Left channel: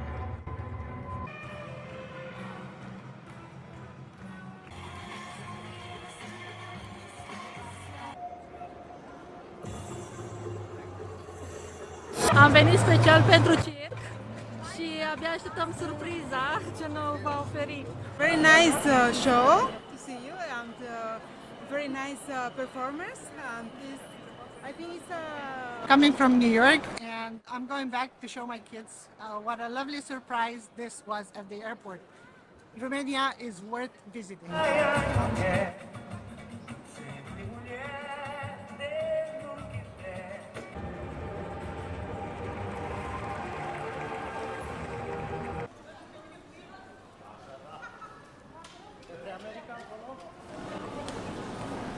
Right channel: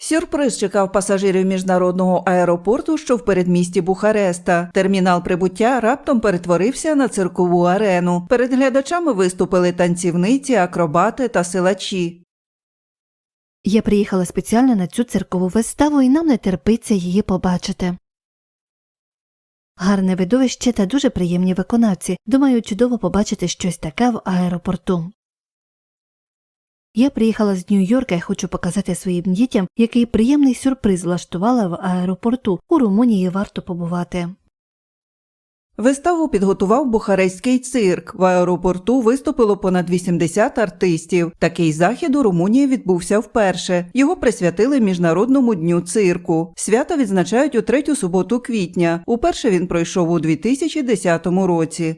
Сюрприз чекав пасажирів міжнародного аеропорту, що в передмісті Бухареста. Термінал прибуття раптом перетворився на циркову арену. Перед глядачами виступили танцівниці, акробати та силачі. Я приїхала спеціально на цю циркову виставу і нам не терпиться її побачити. Uh. Гарне видовище та дуже приємні виконавці. Думаю, чудово побачити щось таке в аеропорту. Я приїхала з Нью-Йорка і хочу показати своїм дітям, який приємний сюрприз влаштувала в аеропорту. У Румунії варто побувати. Виставу підготував бухарестський цирк. В аеропорту виступило понад 80 артистів. Такий захід у Румунії відбувся вперше. Його присвятили міжнародному дню цирку. Свята відзначають у третю суботу квітня. Уперше він пройшов у 2010 році.